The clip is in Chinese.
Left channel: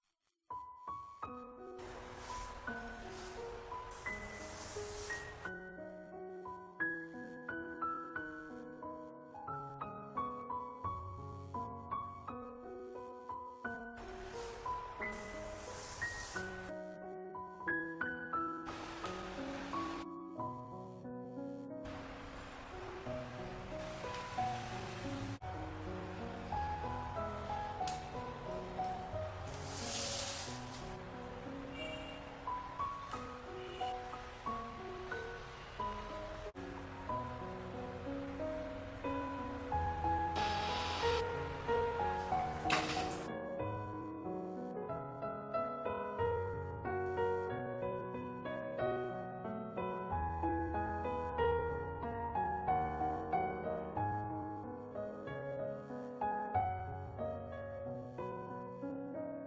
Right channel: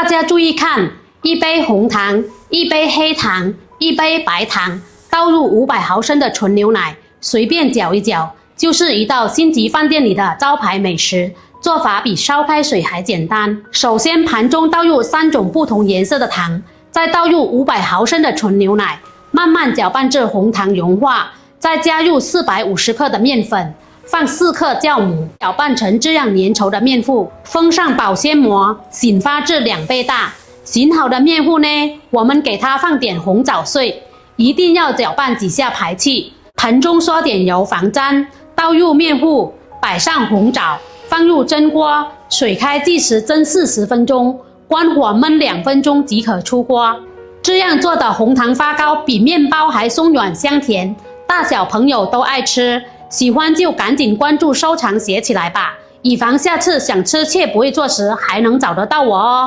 大家注意看，一杯红糖，一杯黑糖，一杯白糖，倒入500毫升的纯牛奶，随便搅一搅，就是一道星级饭店里的招牌美食。做法比烧开水还简单。首先，盘中倒入3种不同颜色的糖，再倒入500毫升的纯牛奶，慢慢搅拌至红糖融化，再加入450克的面粉，放4克酵母，搅拌成这样粘稠的面糊，封上保鲜膜，醒发至2倍大。醒好的面糊呢，我们给它放点红枣碎，一定要搅拌几下排气。盆中刷点油防粘，倒入面糊，摆上红枣，放入蒸锅，水开计时蒸40分钟，关火焖2分钟即可出锅。这样做的红糖发糕比面包还松软香甜，大小朋友都爱吃。喜欢就赶紧关注收藏写起来吧，以防下次想吃却不会做时还能找得到我哦。